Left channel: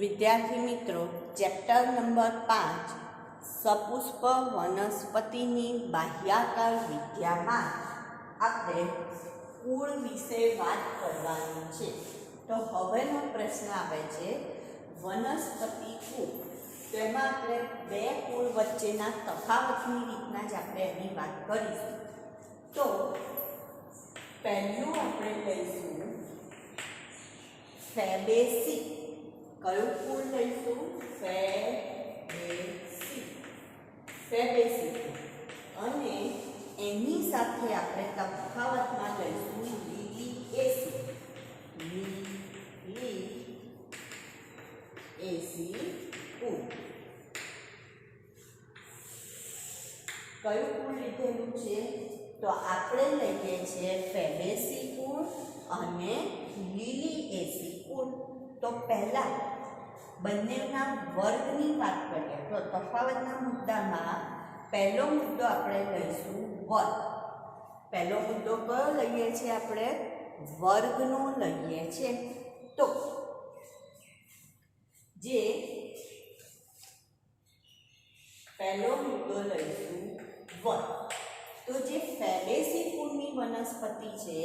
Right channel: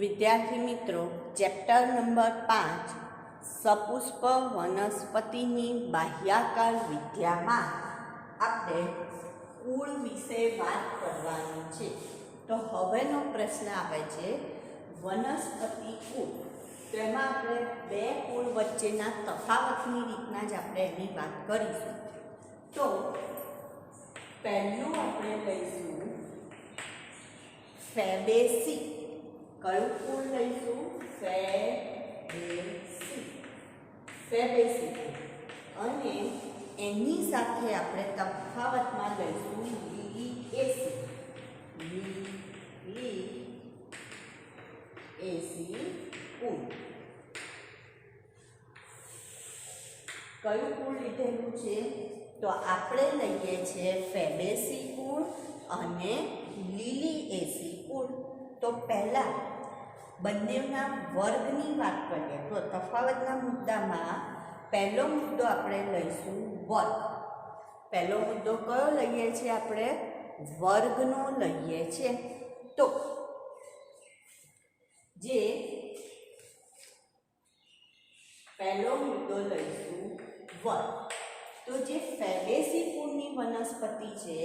વિદ્યાર્થી મિત્રો, chapter number 5 સપુષ્પ વનસ્પતિની બાહ્યાકાર વિદ્યામાં આપણે કુળ વિશે વાત કરવાની છે. તો હવેનો પ્રશ્ન આવે છે વનસ્પતિ કુળ. તો એમાં આપણે બે કુળ વચ્ચેના તફાવતની રીતના જ આપણે એની વાત કરીશું. તો પહેલું આપણે લઈશું ફેબેસી. કયું કુળ લઈશું? ફેબેસી. અને એની સાથે આપણે તફાવતમાં લઈશું લીલિએસી કુળ. કયું કુળ લીધેલું છે? તો આપણે લઈએ છીએ ફેબેસી કુળ અને લીલિએસી કુળ. તો પહેલા બંનેના વર્ગની વાત કરીએ તો તફાવતના મુદ્દામાં પહેલો મુદ્દો આપણે લઈશું વર્ગ. પહેલો મુદ્દો કયો લઈએ છીએ? આપણે વર્ગનો લઈએ છીએ. તો જે પહેલો મુદ્દો લઈશું વર્ગ. તો જે ફેબેસી કુળની વનસ્પતિ છે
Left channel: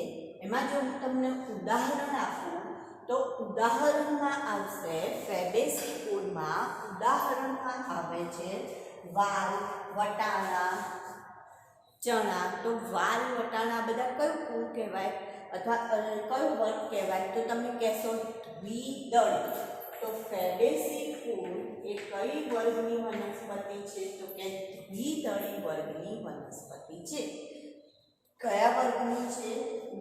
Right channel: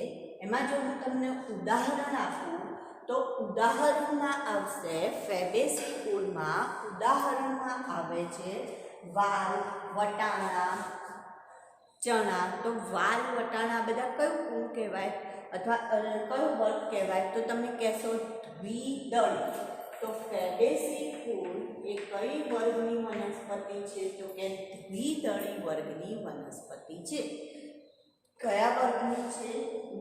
એમાં જો હું તમને ઉદાહરણ આપું તો ઉદાહરણમાં આવશે ફેબેસી કુળમાં ઉદાહરણમાં આવે છે વાલ, વટાણા, ચણા. તો વાલ, વટાણા બધા કયું કુળ કહેવાય અથવા કયો વર્ગ કહેવાય? તો તમે કહેશો દ્વિદળી. તો ફેબેસી કુળ એ કઈ વર્ગની વનસ્પતિ છે? તો કે દ્વિદળી વર્ગની વનસ્પતિ છે. કયા વર્ગની છે?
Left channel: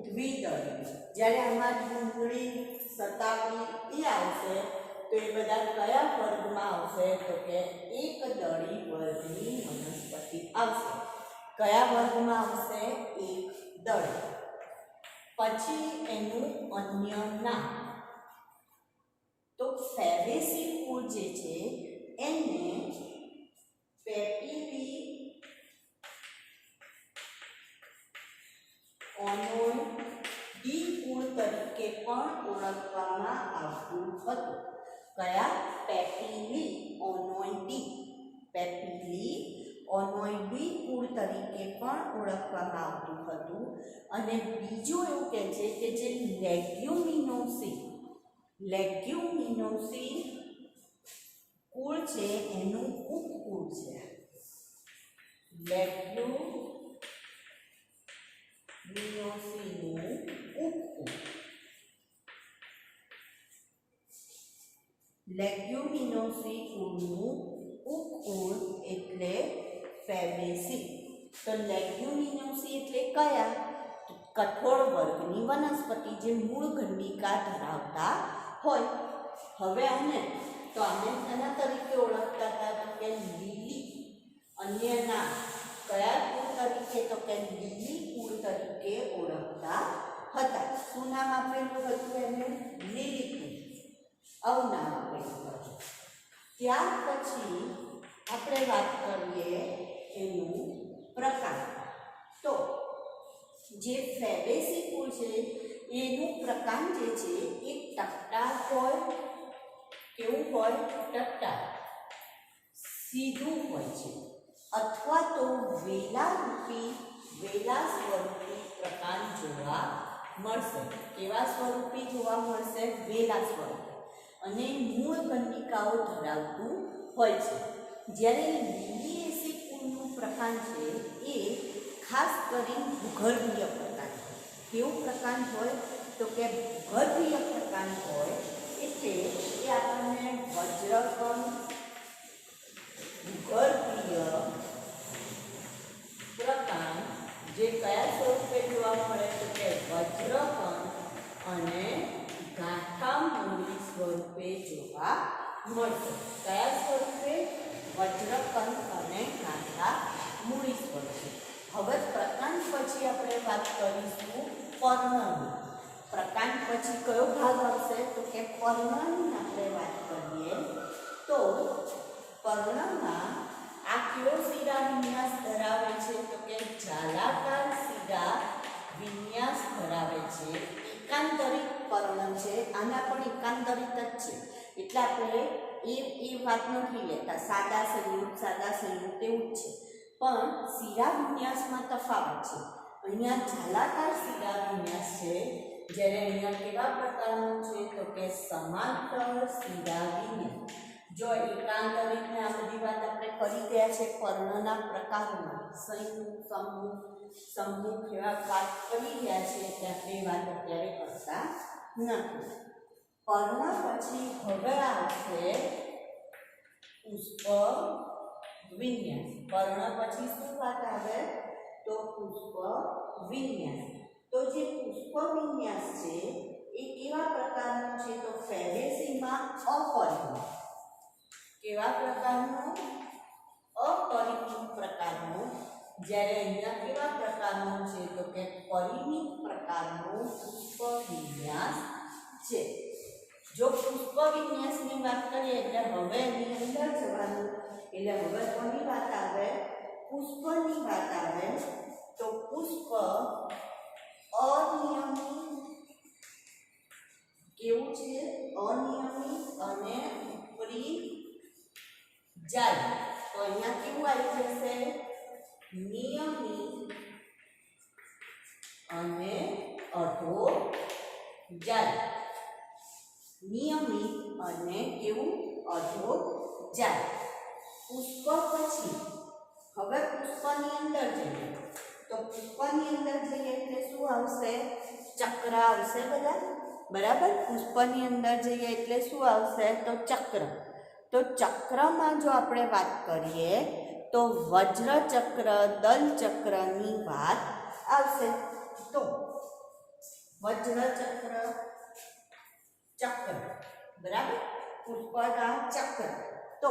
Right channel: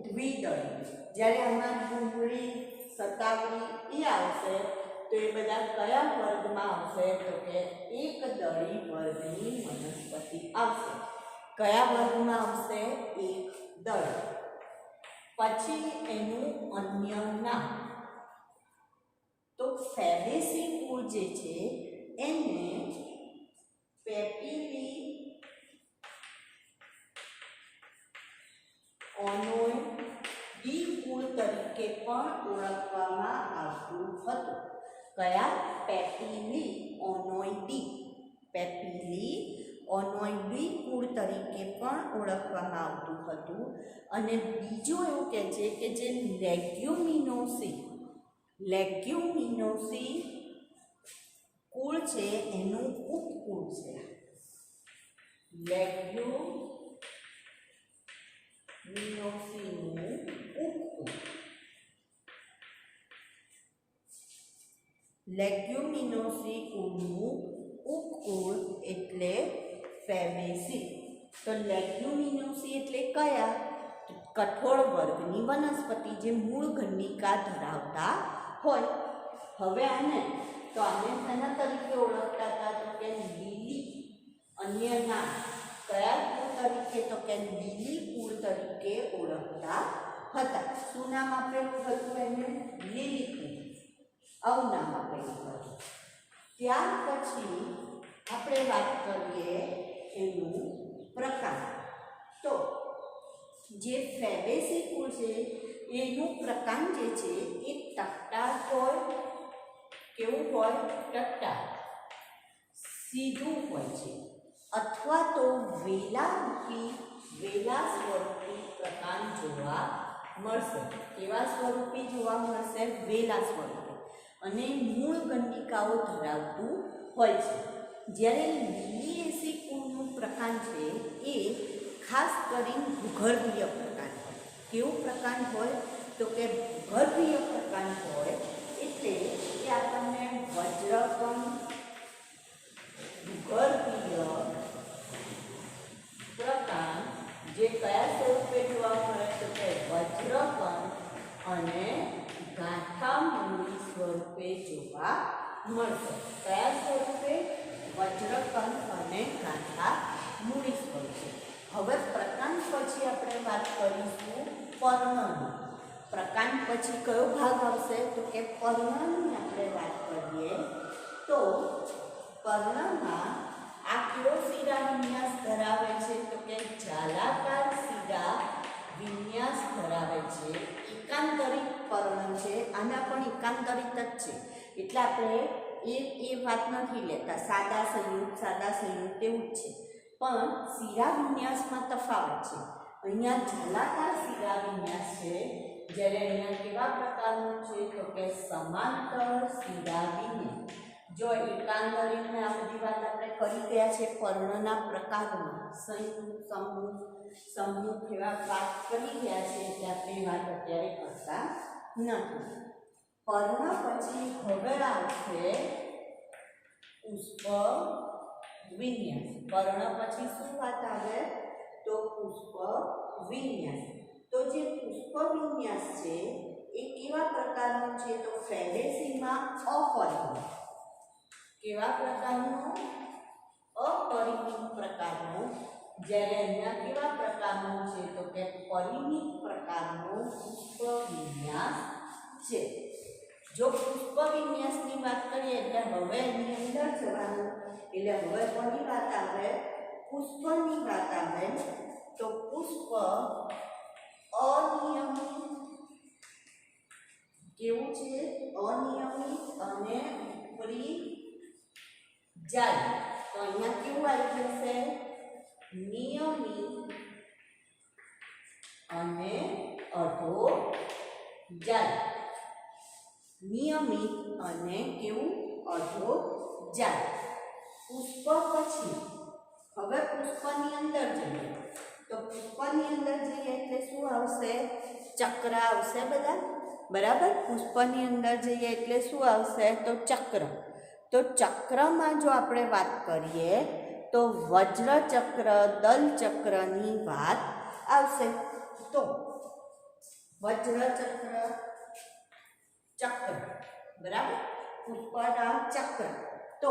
દ્વિદળી. જ્યારે આમાં ડુંગળી, સતાવડી એ આવશે તો એ બધા કયા વર્ગમાં આવશે? તો કે એકદળી વર્ગની વનસ્પતિ આવશે. કયા વર્ગમાં આવશે? એકદળી. પછી એનું અન્ય નામ. તો ફેબેસી કુળ જે છે એને પેપિલિઓનોઇડી કુળ તરીકે પણ ઓળખવામાં આવતું હતું. કયા? પેપિલિઓનોઇડી કુળ તરીકે પણ ઓળખવામાં આવતું હતું. અને બીજું એવું કહે છે કે જે લેગ્યુમિનોસી કુળ છે એનું ઉપકુળ છે. લેગ્યુમિનોસીનું ઉપકુળ. લેગ્યુમિનોસી કુળનું ઉપકુળ એટલે ફેબેસી. તો લેગ્યુમિનોસી એટલે કયા? કઠોળ વર્ગની વનસ્પતિ જે મૂળ ગંડિકા ધરાવતા હોય. હવે આને એના તરીકે ઓળખતા હતા તો કે લીલી. અન્ય નામ કયા કુળ તરીકે? તો કે લીલી કુળ તરીકે ઓળખતા હતા. શું નામ આપેલું હતું એને? લીલી કુળ. આવું નામ આપેલું હતું. ત્યાર પછી આપણે વાત કરીએ એનું પ્રકાર. તો જે ફેબેસી કુળ છે એનું પ્રકાર જે છે એ ટટ્ટાર હોય. કેવું હોય? ટટ્ટાર, સીધું હોય છે. અથવા તો વેલા સ્વરૂપી પ્રકાર જોવા મળશે. કેવા સ્વરૂપી જોવા મળશે? વેલા સ્વરૂપે. અને મૂળ ગંડિકાઓ ધરાવતું હોય છે. જ્યારે લીલિએસી કુળનું પ્રકાર છે એ ખાસ કરીને ભૂગર્ભીય પ્રકાર હોય. કેવું પ્રકાર હોય? તો કે ભૂગર્ભીય પ્રકાર હોય. એટલે એ આપણને વજ્રકણ, ભૂગર્ભીય પ્રકાર જે કયા સ્વરૂપે જોવા મળે? તો કે વજ્રકણ અને ગાંઠામૂળી સ્વરૂપે જોવા મળશે. કયા સ્વરૂપે? વજ્રકણ અને ગાંઠામૂળી સ્વરૂપે. હવે પ્રકાંડ પછી આપણે વાત કરીશું પર્ણની. પ્રકાંડ પછી કયો ભાગ આવશે? તો કે પર્ણની આપણે વાત કરીએ તો પર્ણમાં આ કેવો શિરા વિન્યાસ ધરાવે છે? તો કે જાલાકાર શિરા વિન્યાસ ધરાવે છે. એકાંતરિત પર્ણ છે. આના પણ એકાંતરિત જ છે. એટલે આપણે એ વાત નથી લેતા. સાદા સંયુક્ત એવું જ છે. પણ શિરા વિન્યાસમાં તફાવત છે. અહીંયા ઝાલાકાર શિરા વિન્યાસ છે, જ્યારે અહીંયા કેવા પ્રકારનું છે તો કે સમાંતર શિરા વિન્યાસ. જો એકાંતરિતને આ બધી વાત આપણે કરી ગયા છે પર્ણના પ્રકારોમાં, સમૂહ એવા વાત કરી ગયા છે, એટલે આપણે એ વાત અત્યારે કરતા નથી. પર્ણ પછી હવે આવશે પુષ્પ વિન્યાસ. પર્ણ પછી શું વાત આવે તો પુષ્પ વિન્યાસ. તો જે પુષ્પ વિન્યાસ છે એ કેવા પ્રકારનો છે તો ફેબેસીમાં અપરિપૂર્ણ. કેવા પ્રકારનો? અપરિપૂર્ણ પ્રકારનો. જ્યારે અહીંયા કેવા પ્રકારનો છે તો કે પરિમિત પ્રકારનો પુષ્પ વિન્યાસ છે. જો પુષ્પ વિન્યાસની વાત કરીએ એટલે હવે એની અંદર જવાનું, એટલે હવે કોની વાત આવે? પુષ્પની વાત આવે. તો પુષ્પ અનિયમિત કેવું છે? અનિયમિત અને ઉપરી જાય. તો અહીંયા કેવું આવી જશે? નિયમિત અને અધો જાય. નિયમિત અને કેવું? અધો જાય. પુષ્પ પછી હવે પુષ્પની અંદર જઈએ. તો પુષ્પની અંદર જઈએ એટલે શું આવશે? ચક્ર આવશે બધા, બરાબર. પુષ્પની અંદર જઈએ એટલે શું આવશે તો ચક્ર. તો ચક્રમાં જો આપણે વાત કરીએ તો વજ્ર ચક્ર, દલ ચક્રની વાત આવશે. તો વજ્ર ચક્ર, બરાબર, પુષ્પના ચક્ર. તો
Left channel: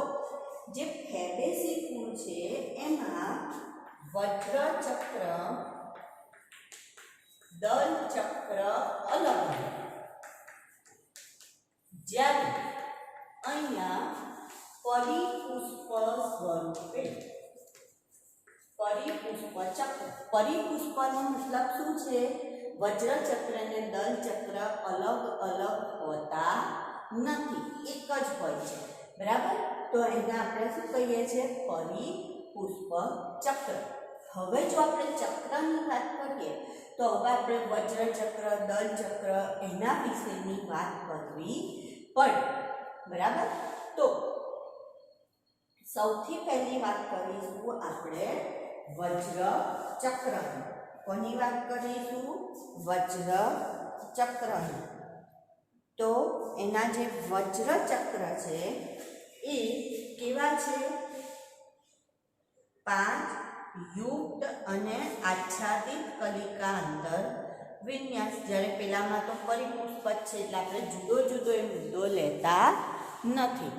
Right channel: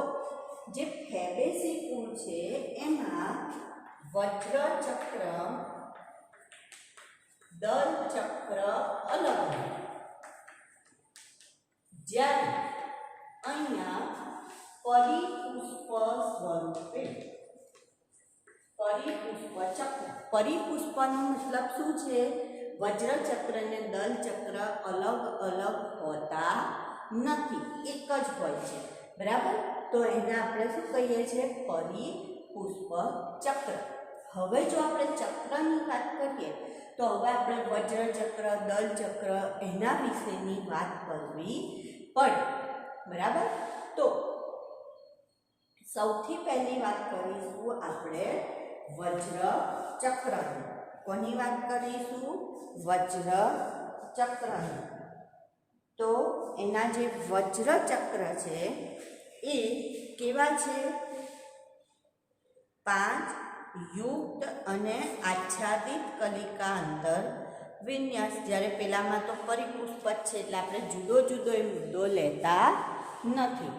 જે ફેબેસી કુળ છે એમાં વજ્ર ચક્ર, દલ ચક્ર અલગ. જ્યારે અહીંયા પરિપુષ્પ સ્વરૂપે પરિપુષ્પ ચક્ર. પરિપુષ્પનો મતલબ શું છે? વજ્ર ચક્ર અને દલ ચક્ર અલગ અલગ હોતા નથી, એક જ હોય છે, બરાબર. તો એને આપણે શું કહીએ છીએ? પરિપુષ્પ ચક્ર. હવે જો આપણે ચક્રની વાત કરીએ તો હવે આપણે વજ્ર ચક્ર, દલ ચક્ર એના વિશેની વાત કરવી પડે, બરાબર. તો સૌથી પહેલી વાત કરીશું આપણે વજ્ર ચક્રની. કોની વાત કરીશું? વજ્ર ચક્રની. તો એના જે વજ્ર ચક્ર છે એ કેવા છે? 5 યુક્ત અને આચ્છાદિત કલિકા અંદર વિન્યાસ. જ્યારે પેલામાં તો પરિપુષ્પ છે એટલે આપણે જુદો જુદો એ મુદ્દો લેતા નથી.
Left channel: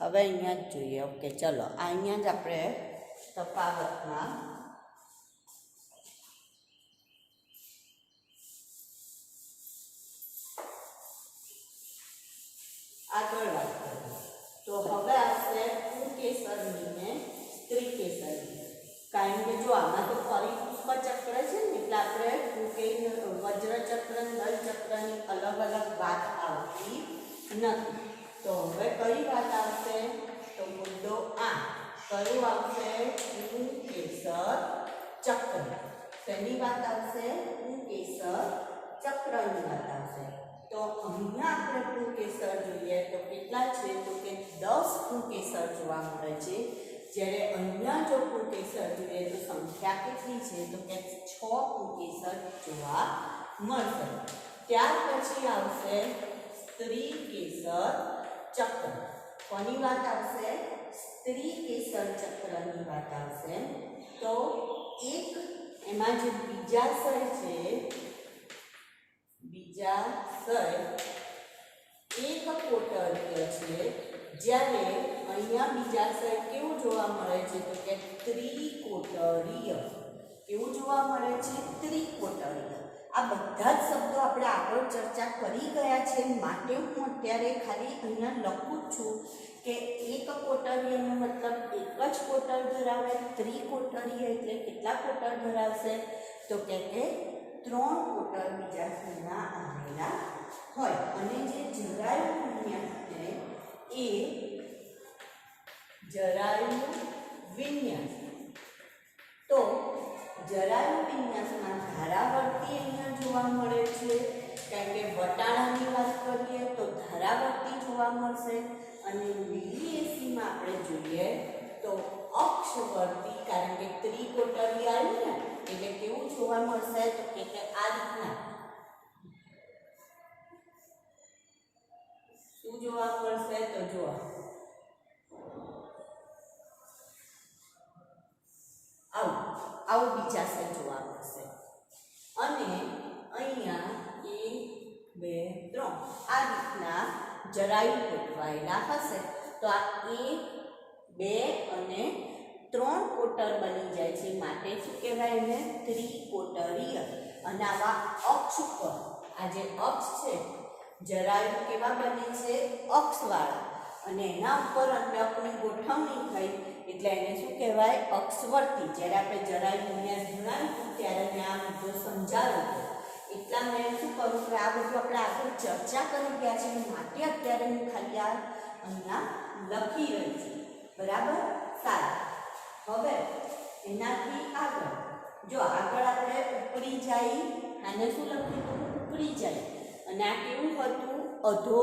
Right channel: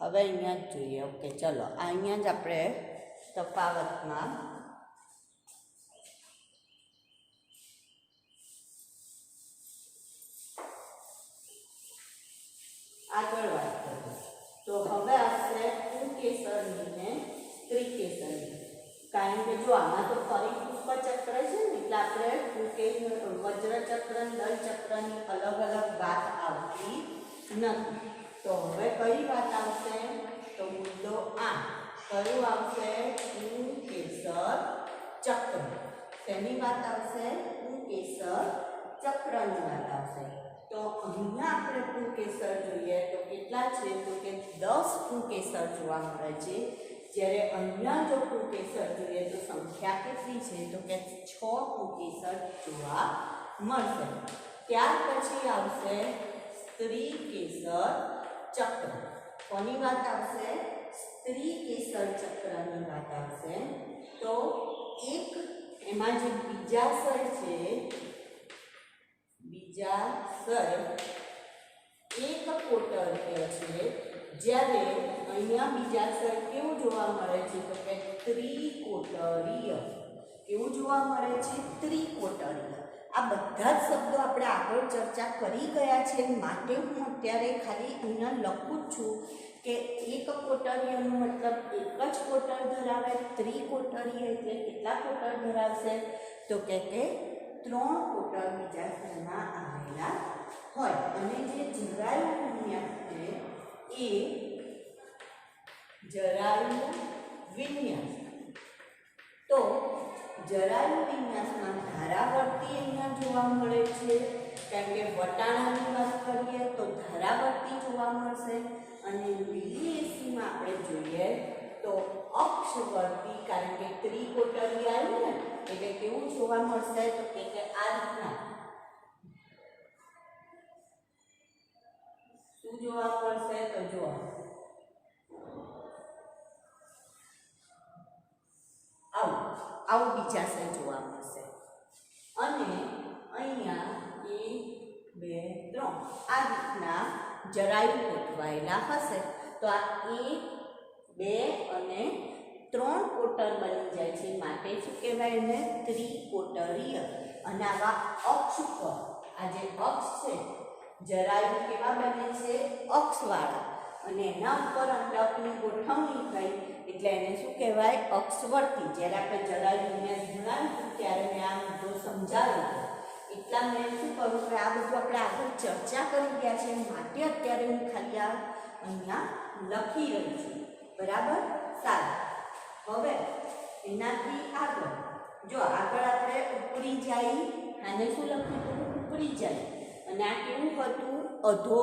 હવે અહીંયા જ જોઈએ. ઓકે, ચલો અહીંયા જ આપણે તફાવતમાં આગળ વાત કરીએ. તો હવે આવશે પુંકેસરની ને ત્રિકેસરની. કારણ કે જો આમાં તો પરિપુષ્પ ચક્ર છે ને એટલે આપણે વજ્ર ચક્ર, દલ ચક્રની અલગ અલગ વાત આવતી નથી. તો હવે કઈ વાત આવશે? તો મુદ્દો 8 કયું આવશે? પુંકેસર ચક્ર. તેની વાત આવશે? પુંકેસર ચક્રની વાત આવશે. તો અહીંયા આપણે પુંકેસર જોઈએ તો કેટલા છે? તો કે 10 પુંકેસર જોવા મળે છે. જ્યારે અહીંયા જો પુંકેસર જોઈએ તો સંખ્યા કેટલી છે? તો કે 6 પુંકેસર જોવા મળશે. ત્યાર પછી આવશે સ્ત્રીકેસર ચક્ર. કોની વાત આવશે? સ્ત્રીકેસર ચક્રની વાત આવશે. તો એક એમાં જે બીજાશય છે, બીજાશય એક કોટરીય છે. જ્યારે અહીંયા બીજાશય કેવું જોવા મળે છે? તો કે ત્રિકોટરીય. કેવું જોવા મળે છે? ત્રિકોટરીય. આ બધા જ શબ્દો આપણે આગળ ચર્ચા કરી ગયા છે, માટે હું અત્યારે ખાલી અહીંયા લખું છું કે કે એક કોટડીયાનો મતલબ એક જ કોટડ ધરાવે, ત્રિકોટડીય એટલે કેટલા કોટડ ધરાવશે? તો કે 3 કોટડ બીજા ખૂણમાં આવેલા હોય. અને જે જરાયુ વિન્યાસ છે એ જરાયુ વિન્યાસ, તો જરાયુ વિન્યાસમાં ધારાવર્તી અહીંયા જોવા મળે છે, કારણ કે વટાણાની વાત કરીએ તો ધારાવર્તી જોવા મળશે. અને લીલી એસીમાં આપણે જોઈએ તો અક્ષવર્તી, કારણ કે ત્રિકોટડી આવ્યું ને એટલે કેવું જોવા મળશે? તો કે આ રીતના શું જોવા મળશે? તો જો આવું બીજાશય જોવા મળશે. અને અહીંયા 1 2 3 આ રીતના જરાયુ ગોઠવાયેલા હશે. તો આ 1 2 અને 3 કોટર બની જાય છે, માટે શું કહેવાય? એને ત્રિકોટરીય. અને આવા અક્ષ પર, આ જે અક્ષ છે જરાયુ કેવા બને છે? અક્ષવાળા. અને એના ઉપર અંડકની ગોઠવણી થઈ એટલે એને શું કહેવાય? અક્ષવર્તી. જ્યારે આપણે જરાયુ વિન્યાસ ભણાવ્યું ત્યારે મેં આ મુદ્દો સમજાવ્યો હતો. એટલા મેં શું કરું કે આ બધું આપણે આગળ ચર્ચા કરી ગયા છે, માટે અત્યારે હું ખાલી આ અહીંયા લખી રહી છું. બરાબર? સારું. હવે એનાથી આગળ જો આગળ આપણે ઉપરી જાય, આને શું લખ્યું હતું? ઉપરી જાય. અને આ કેવું હતું? અધો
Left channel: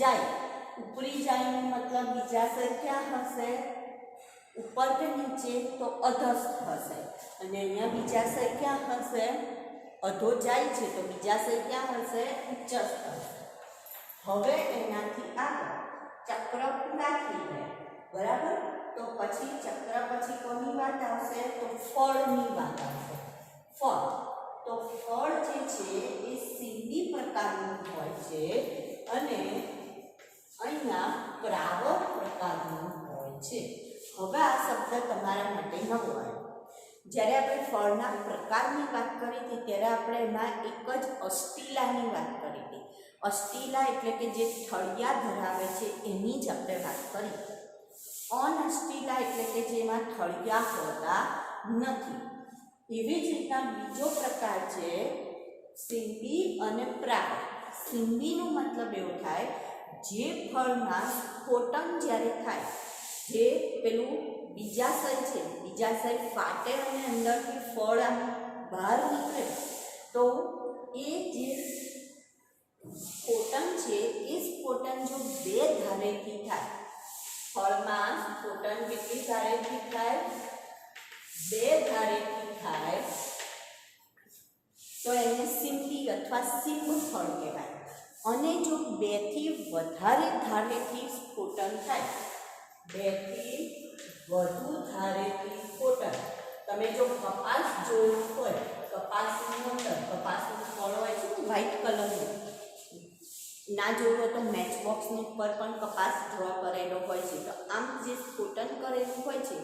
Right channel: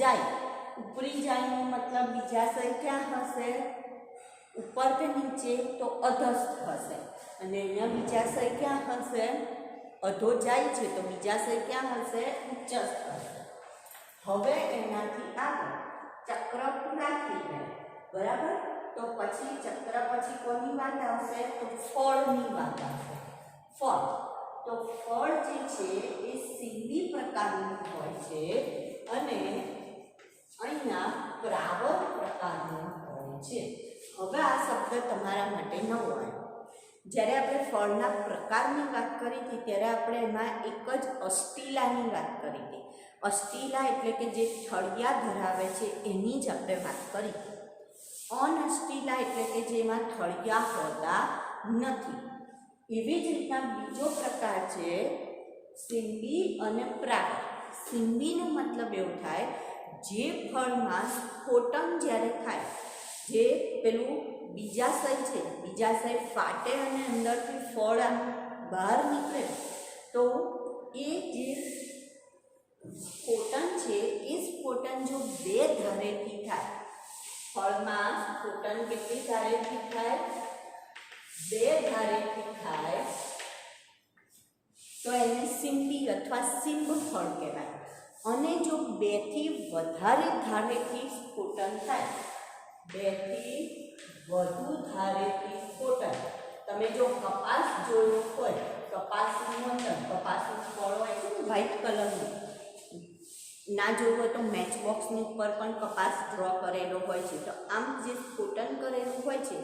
જાય. ઉપરી જાયનો મતલબ બીજાશય ક્યાં હશે? ઉપર કે નીચે? તો અધસ્થ હશે. અને અહીંયા બીજાશય ક્યાં હશે? અધો જાય છે તો બીજાશય ક્યાં હશે? ઉચ્ચસ્થ હશે. હવે એનાથી આગળ ચક્ર પૂરા થઈ જાય. બરાબર? તો પછી ચક્ર પછી કોની વાત આવશે? તો ફળની વાત આવશે. ફળ. તો ફળ જે છે એ સિંધી પ્રકારનું હોય છે અને અહીંયા પ્રાવર પ્રકારનું હોય છે. હવે આ શબ્દ તમારા માટે નવો આવ્યો. જ્યારે આપણે ફળના પ્રકારની વાત કરી હતી ત્યારે આપણે એમાં એક જ અષ્ટિલાની વાત કરી હતી. અષ્ટિલા એટલે કે જે થળિયા ધરાવે છે એની જ આપણે વાત કરી. અનઅષ્ટિલા એટલે કે જેમાં થળિયા હોતા નથી. એવી જ રીતના બીજો પ્રકાર છે સિંબી અને પ્રાવર. સિંબીનો મતલબ એવો થાય જે ફળમાં સ્ફોટન જ્યારે થાય, જે પેલું બીજાશય છે, બીજાશય ફાટે અને અંદરથી ફળ આમ બહાર નીકળે, તો એ જે સ્ફોટન છે એ સ્ફોટન જો 2 ધારેથી થાય, ફળમાં સ્ફોટન કેટલી ધારેથી થાય? 2 ધારેથી થાય તો એને સિંબી અથવા સિંબ ફળ કહેવાય. અને જો 2 થી વધારે ધારેથી સ્ફોટન થાય, 2 થી વધુ ધારેથી સ્ફોટન, તમે જો કપાસ જોયો હોય, કપાસનું અંદર કપાસનું ફળ હોય છે ને વ્હાઈટ કલરનું, ના જોયો તો મેચ બોક્સની ઉપર પણ કપાસ ડ્રો કરેલો હોય છે. તો આમ જે સ્ફોટન કરેલું હોય છે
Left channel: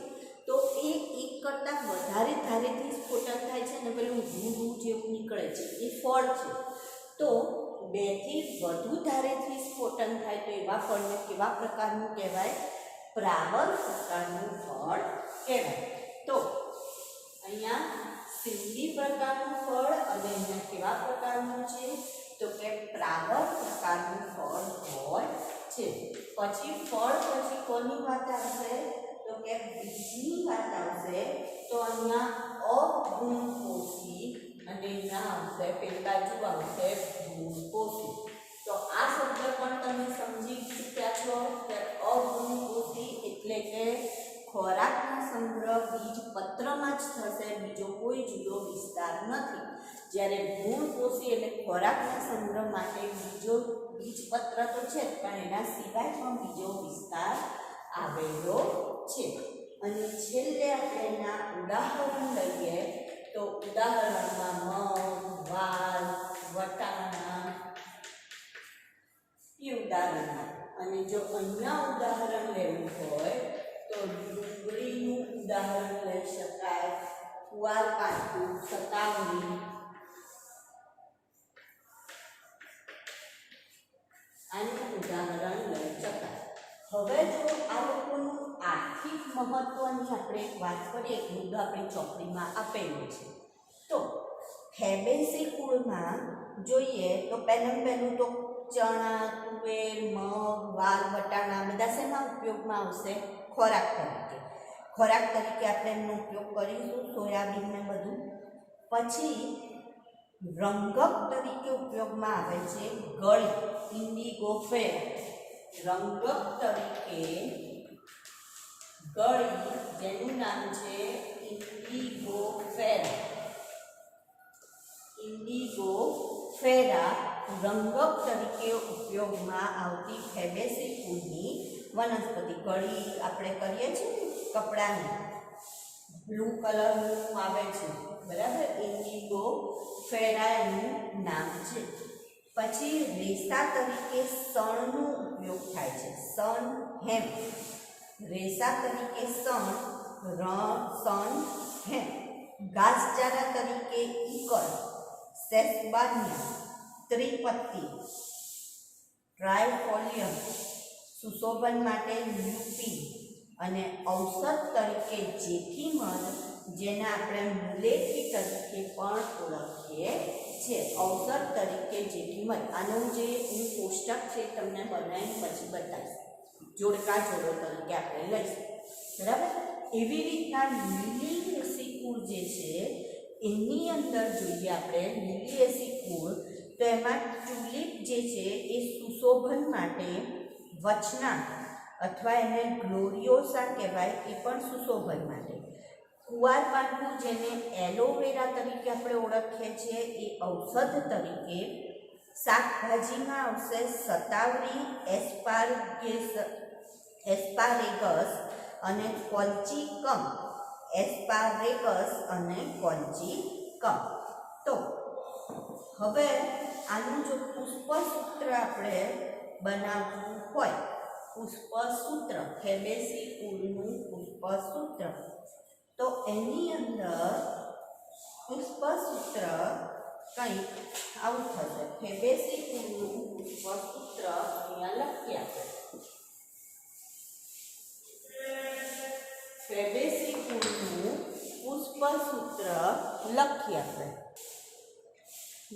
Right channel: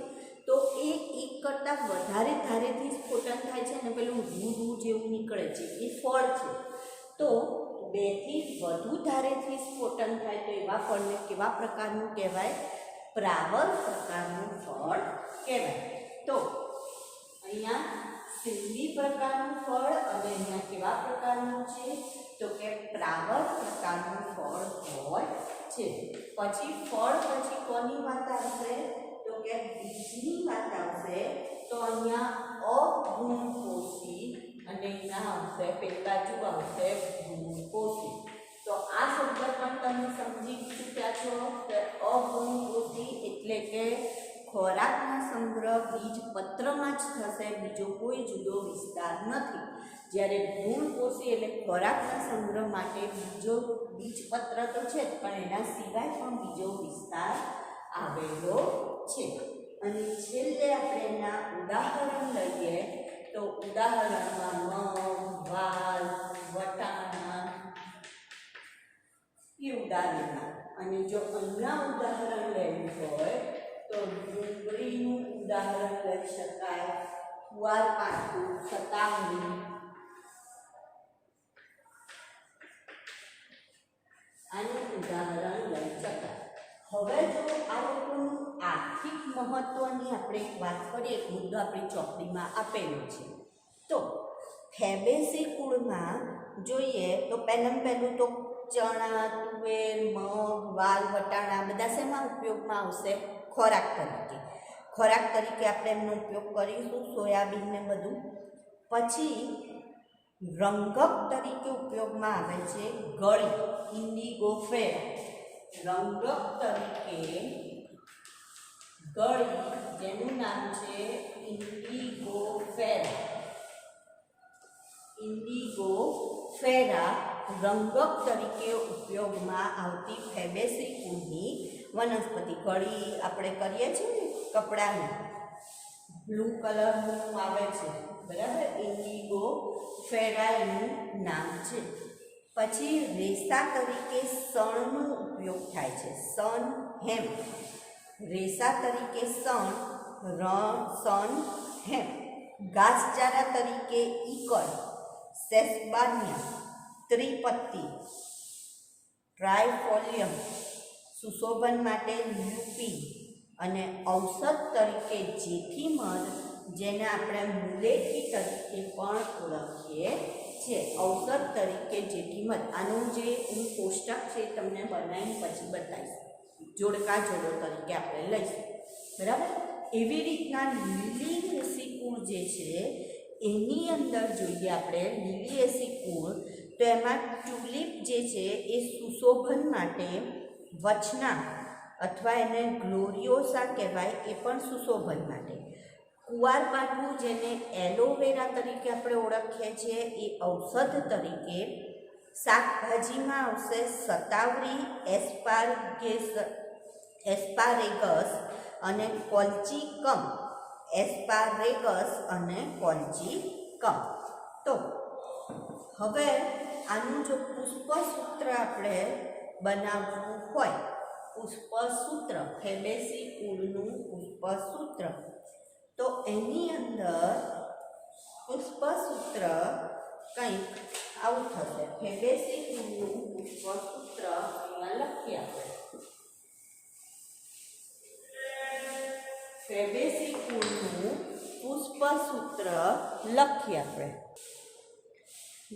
તો એ એક કરતાં વધારે ધારેથી સ્ફોટન થાય છે અને પેલું રૂ જેવું નીકળે છે, એ ફળ છે. તો 2 થી વધુ ધારેથી સ્ફોટન થાય તો એવા ફળને કેવા પ્રકારનું કહેવાય? પ્રાવર પ્રકારનું ફળ કહેવાય. તો અહીંયા સિંબી પ્રકારનું ફળ અને અહીંયા કેવા પ્રકારનું છે? તો કે પ્રાવર પ્રકારનું ફળ હોય છે. પછી ફળ પછી કોની વાત આવશે? તો કે બીજની વાત આવશે. તો અહીંયા અગુણપોષી અને અહીંયા આવશે, પેલી બાજુ આવશે ગુણપોષી. તો આ શબ્દ પણ તમે સમજી ચૂક્યા છો કે અગુણપોષી એટલે કે ખોરાકનો સંગ્રહ બીજપત્રમાં જ થશે, બીજો કોઈ જુદો વિસ્તાર નથી. જ્યારે ગુણપોષી એટલે ખોરાકના સંગ્રહ માટે બીજો બીજપત્ર તો છે પણ એના સિવાય પણ બીજો વિસ્તાર આવેલો છે. અને છેલ્લે આપણે એના ઉદાહરણ લઈએ તો ઉદાહરણમાં મગ, વાલ, વટાણા એ ઉદાહરણ. અને જો અહીંયા ઉદાહરણ લેવું હોય તો ડુંગળીનું ઉદાહરણ લઈ શકાય, કુવારપાઠું, સતાવણી, આનું ઉદાહરણ લઈ શકાય. હવે જો આ લોકોનું આર્થિક મહત્વની આપણે એક વાત કરીએ, એક મુદ્દો આપણી ચોપડીમાં આપેલો છે. તો ફેબેસી કુળમાં જોઈએ તો પહેલું તો ચણા, તુવેર, મગ, વાલ, વટાણા બધા શેમાં ઉપયોગમાં આવશે? ખોરાક તરીકે આપણે એમનો ઉપયોગ કરીશું, સોયાબીન ને બધું. પછી રંગક તરીકે ઉપયોગમાં આવે છે ગળી, ઇન્ડિગો ફેર. રંગક તરીકે ગળી, જેનું નામ છે ઇન્ડિગો ફેરા, રંગક તરીકે ઉપયોગમાં આવતી ફેબેસી કુળની વનસ્પતિ. ગળી આપણે કરીએ છીએ ને કપડાની, બ્લુ કલરનું આવે છે, બરાબર, ઇન્ડિગો ફેરા એનું નામ છે. પછી રેસા તરીકે શણનો ઉપયોગ થાય છે, શણ, હેમ. રેસા તરીકે શણ, હેમ. ઘાસચારા તરીકે ઈકળ, સેસબાનિયા, ત્રિપત્તિ, ટ્રાયફોલિયમ. સુશોભન માટે લ્યુપિન. અને ઔષધ તરીકે જેઠીમધ, જેને આપણે મુલેઠી તરીકે પણ ઓળખીએ છીએ. ઔષધ તરીકે જેઠીમધ. આનું જે હું કોષ્ટક છે તમને બનાવીને પછી બતાવીશ, જોડકા જોડો તરીકે આપણે લઈશું, બરાબર. એવી રીતના લીલિએસી કુળ જે છે એની અંદર જોઈએ આપણે લીલિએસી કુળ, તો એમાં ટ્યુલિપ જે છે એ સુશોભન માટે, વચના અથવા એને ગ્લોરિયોસા કહેવાય, એ પણ સુશોભન માટે. કુવારપાઠું, જેને એલોવેરા તરીકે આપણે ઓળખીએ છીએ, એ ઔષધ તરીકે. શાકભાજીમાં આવશે શતાવરી, એસ્પારેગસ અને કોલ્ચિકમ. તો હવે આનું જો પુષ્પસૂત્ર આપણે બનાવવું હોય, પુષ્પસૂત્ર, ફેબેસી કુળનું પુષ્પસૂત્ર, તો એની અંદર પુષ્પસૂત્ર કંઈક આવું થશે. ફેબેસી કુળનું પુષ્પસૂત્ર અહીંયા લખીએ આપણે. ફેબેસી કુળનું પુષ્પસૂત્ર લખીએ આપણે.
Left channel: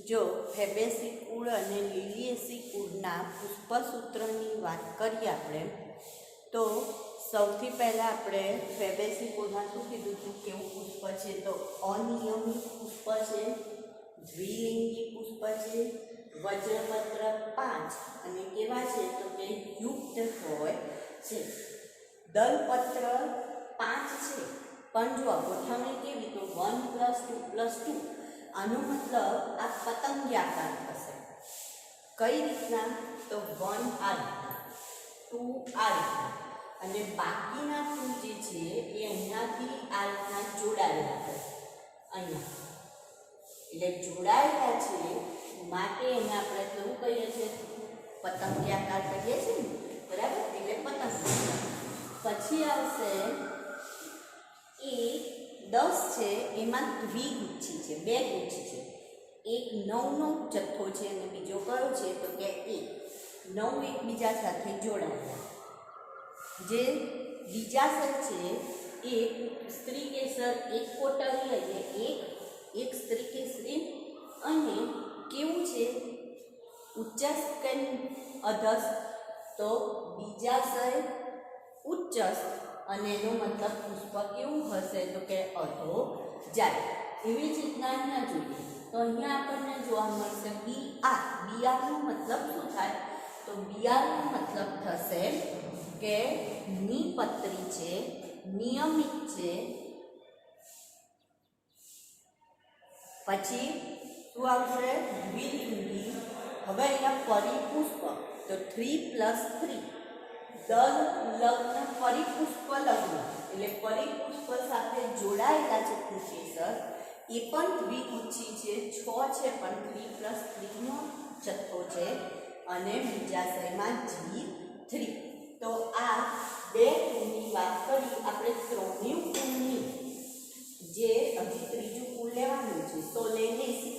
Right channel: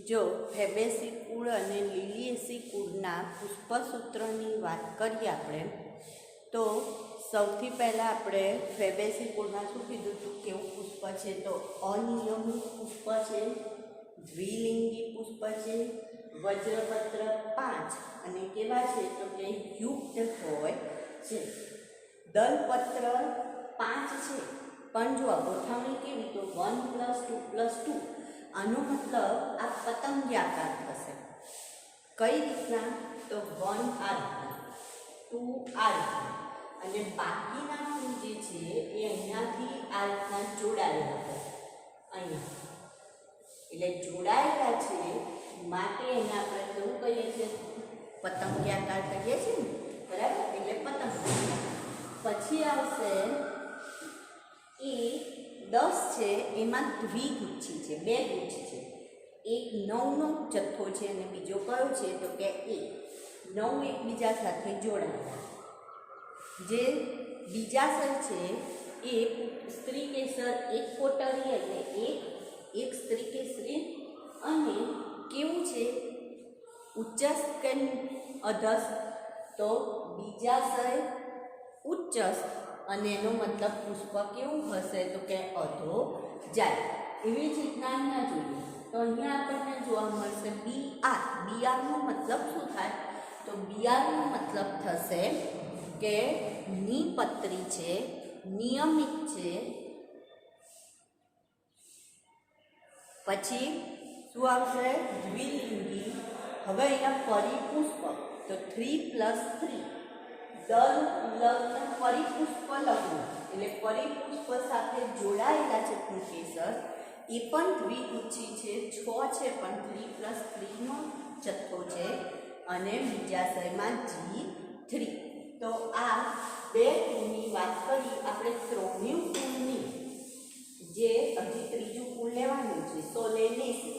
જો ફેબેસી કુળ અને લીલિએસી કુળના પુષ્પસૂત્રની વાત કરીએ આપણે, તો સૌથી પહેલાં આપણે ફેબેસી કુળમાં શું કીધું હતું, કેવું પુષ્પ છે? તો અનિયમિત પુષ્પ છે, દ્વિલિંગી પુષ્પ છે, વજ્રપત્ર 5 અને કેવા છે તો કે યુક્ત હોય છે. દલપત્ર 5 છે, પણ જો ગોઠવણી કેવી, તો 1 + 2 + 2. આનો મતલબ આ પતંગિયાકાર થશે. કઈ રીતના? તો 1 આ રીતના, 2 આ રીતના, અને બાકીના 2 જે છે એ અહીંયાથી આ રીતના જોડાયેલા થશે. અહીંયા એટલે જોડાયેલા છે માટે એને આપણે કેવું કહીએ છીએ? પતંગિયાકાર કહીએ છીએ ને, બરાબર, એટલે પતંગિયાકાર. પછી આવશે એ 10 છે, એમાં દ્વિગુચ્છી છે, 2 ગુચ્છી છે. એક 9નો જથ્થો છે અને બીજો કયો છે તો કે 9 એકબીજા સાથે જોડાયેલા. જે બીજા સર છે એ સ્ત્રી કેસર, એક કોટરી એટલે એક સ્ત્રી કેસરી, અને કેવું છે ઉચ્ચસ્થ કે અધસ્થ, તો બીજા સર ઉચ્ચસ્થ, અને એનો મતલબ પુષ્પ કેવું હશે તો કે અધો જાય. એવી જ રીતના અહીંયા જોઈએ તો અહીંયા આપણને જોવા મળશે બિયારનો મતલબ શું થાય? તો બિયારનો મતલબ થશે કે નિપત્રી છે, નિયમિત છે. પછી શું આવશે? દ્વિલિંગી. હવે અહીંયા પરિપુષ્પ, તો 3 + 3 દલ લગ્ન, પરિપુષ્પ લગ્ન એટલે પરિપુષ્પ સાથે જોડાયેલા છે કેસર, એ પણ દ્વિગુચ્છી છે, 6 છે, પણ 3 + 3નો જથ્થો છે, અને બીજા શ્રેણીમાં G3. તો આ 2 કુળની વાત કરી આપણે. ત્રણેય કુળની જે હજી ત્રીજું કુળ લેવાનું છે સોલેનેસી,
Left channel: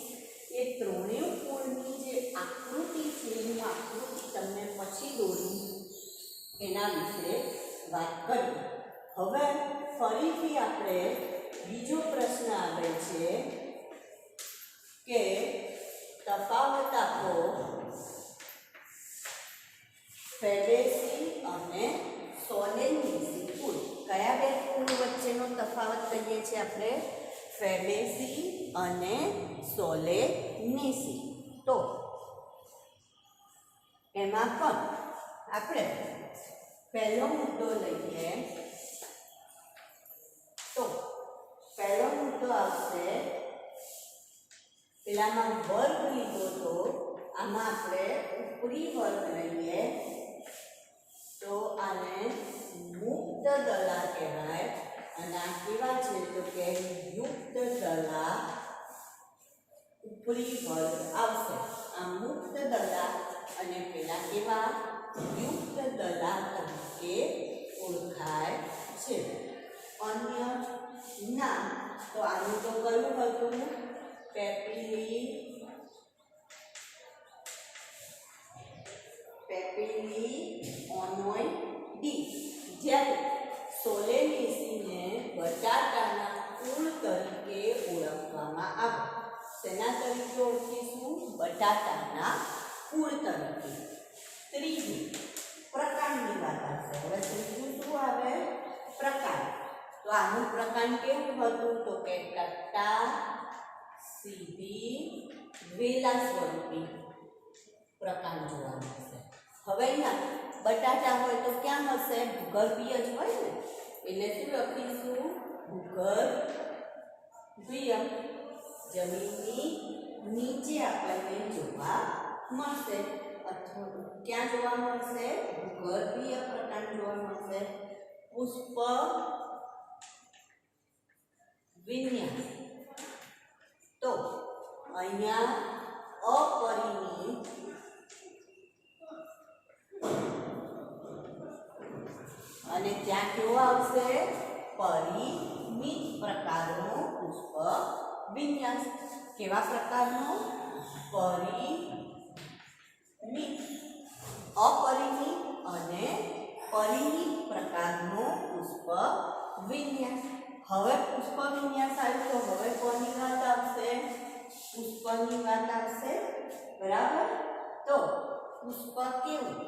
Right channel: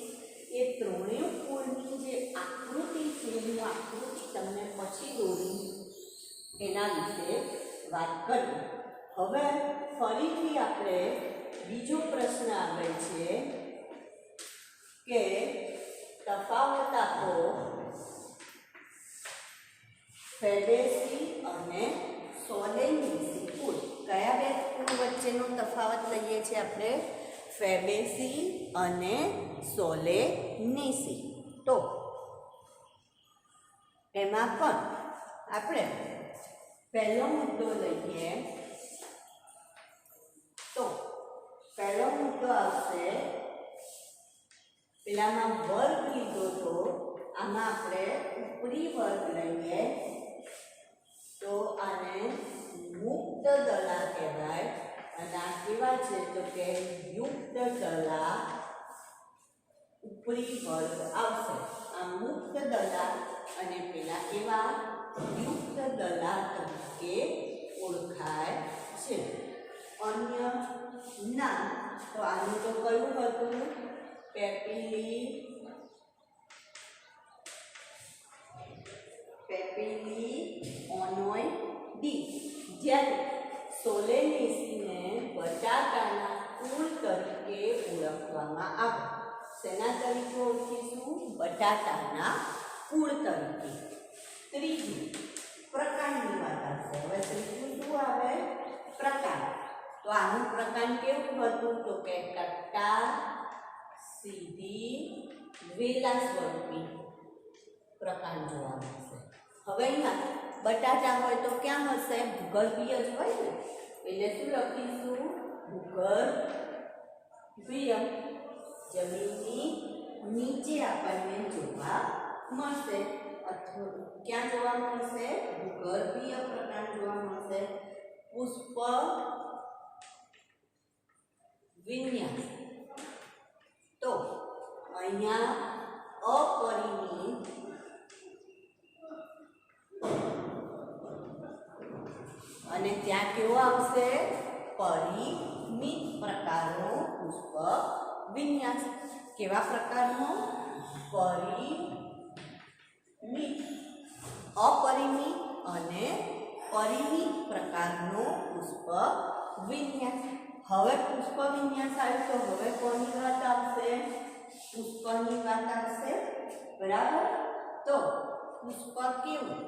એ ત્રણેય કુળની જે આકૃતિ છે, હું આકૃતિ તમને પછી દોરું એના વિશે વાત કરીએ. હવે ફરીથી આપણે બીજો પ્રશ્ન આવે છે કે તફાવત આપો ફેબેસી અને સોલેનીસી કુળ. કયા બે કુળ વચ્ચેનો તફાવત કહીએ છીએ આપણે? ફેબેસી અને સોલેનીસી. તો એમાં પણ આપણે પહેલો મુદ્દો લઈએ તો પહેલો મુદ્દો આવશે, પેલામાં વર્ગ લીધો તો આમાં આપણે ઉપરી વર્ગ લઈએ તો આને મુક્ત દલા કહેવાય. અને આ કેવા છે તો કે યુક્ત દલા ઉપરી વર્ગ આવશે. આ મુક્ત દલા અને પેલા કેવા યુક્ત દલા તરીકે ઓળખાય છે. અન્ય નામ તો આનું તો કયું હતું? પેપિલિઓનોઇડી. જ્યારે સોલેનેસીને બટાટાના કુળ તરીકે ઓળખવામાં આવે. શેના તરીકે ઓળખીશું? બટાટાના કુળ તરીકે. ત્રીજું પ્રકારની વાત આવશે. હવે ત્રીજું શું આવે? પ્રકાર. તો આનું પ્રકાર કેવું હતું? તો કે કટ્ટા, સીધી, વેલા સ્વરૂપી પ્રકાર જોવા મળશે. હવે અહીંયા બટાટા હોય તો ક્યાં હશે? ભૂગર્ભીય જ હોય ને, એટલે શું લખીશું? ભૂગર્ભીય. જમીનની નીચે આપણને જોવા મળશે. અથવા ક્યાં જોવા મળશે? ભૂગર્ભીય પ્રકાર જોવા મળશે. પુષ્પ વિન્યાસ. તો અહીંયા અપરિમિત અને ત્યાં કેવો આવશે? પરિમિત પ્રકારનો પુષ્પ વિન્યાસ. કેવા પ્રકારનો? પરિમિત. અપરિમિત અને પરિમિત પ્રકારનો પુષ્પ વિન્યાસ. હવે પુષ્પ વિન્યાસ આવ્યું તો હવે કોની વાત આવશે? પુષ્પની વાત આવશે. બરાબર. તો પુષ્પ કેવું?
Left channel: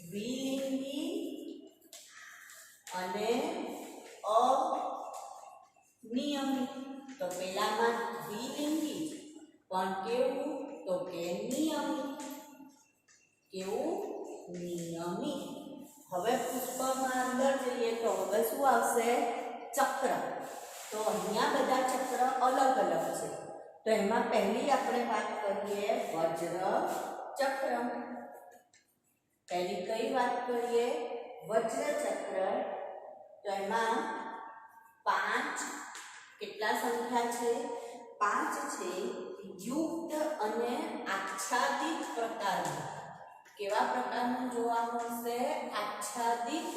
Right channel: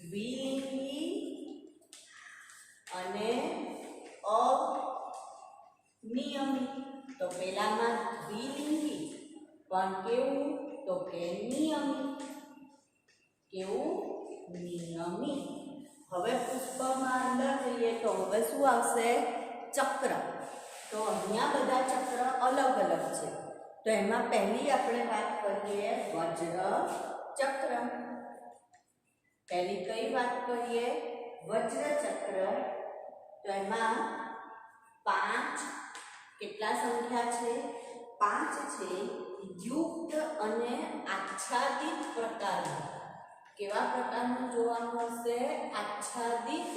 દ્વિલિંગી અને અનિયમિત. તો પેલામાં દ્વિલિંગી પણ કેવું? તો કે નિયમિત. કેવું? નિયમિત. હવે પુષ્પમાં અંદર જઈએ તો હવે શું આવશે? ચક્ર. તો અહીંયા બધા ચક્ર અલગ અલગ છે. તો એમાં પહેલી આપણે વાત કરીએ વજ્ર ચક્ર. પહેલી કઈ વાત કરીએ? વજ્ર ચક્ર. તો એમાં 5 કેટલા સંખ્યા છે? 5 છે. યુક્ત અને આચ્છાદિત પ્રકારનું. કેવા પ્રકારનું જોવા મળશે? આચ્છાદિત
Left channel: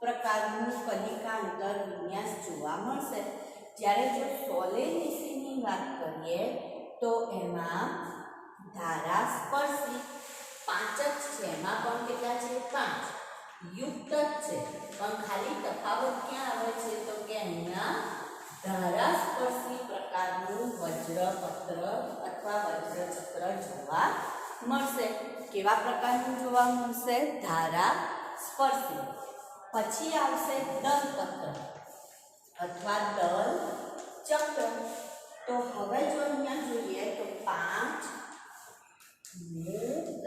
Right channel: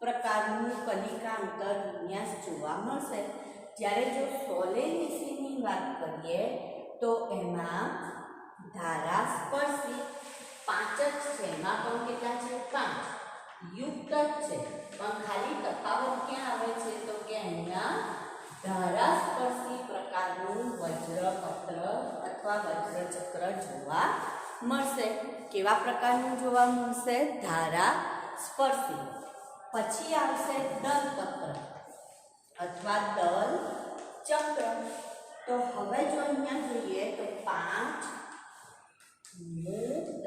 પ્રકારનું કલિકા અંતર વિન્યાસ જોવા મળશે. જ્યારે જો સોલેનીસીની વાત કરીએ તો એમાં ધારાસ્પર્શી 5 જ છે. એમાં પણ કેટલા છે? 5 યુક્ત જ છે. પણ ખાલી તફાવત ક્યાં આવે છે? તો કે અહીંયા ધારાસ્પર્શી પ્રકારનું વજ્રપત્ર અથવા વજ્રચક્ર જોવા મળશે. કેવા પ્રકારનું જોવા મળશે? ધારાસ્પર્શી. પછી આવશે દલપત્ર અથવા દલ ચક્ર. તો હવે જો અહીંયા જોઈએ તો 5 મુક્ત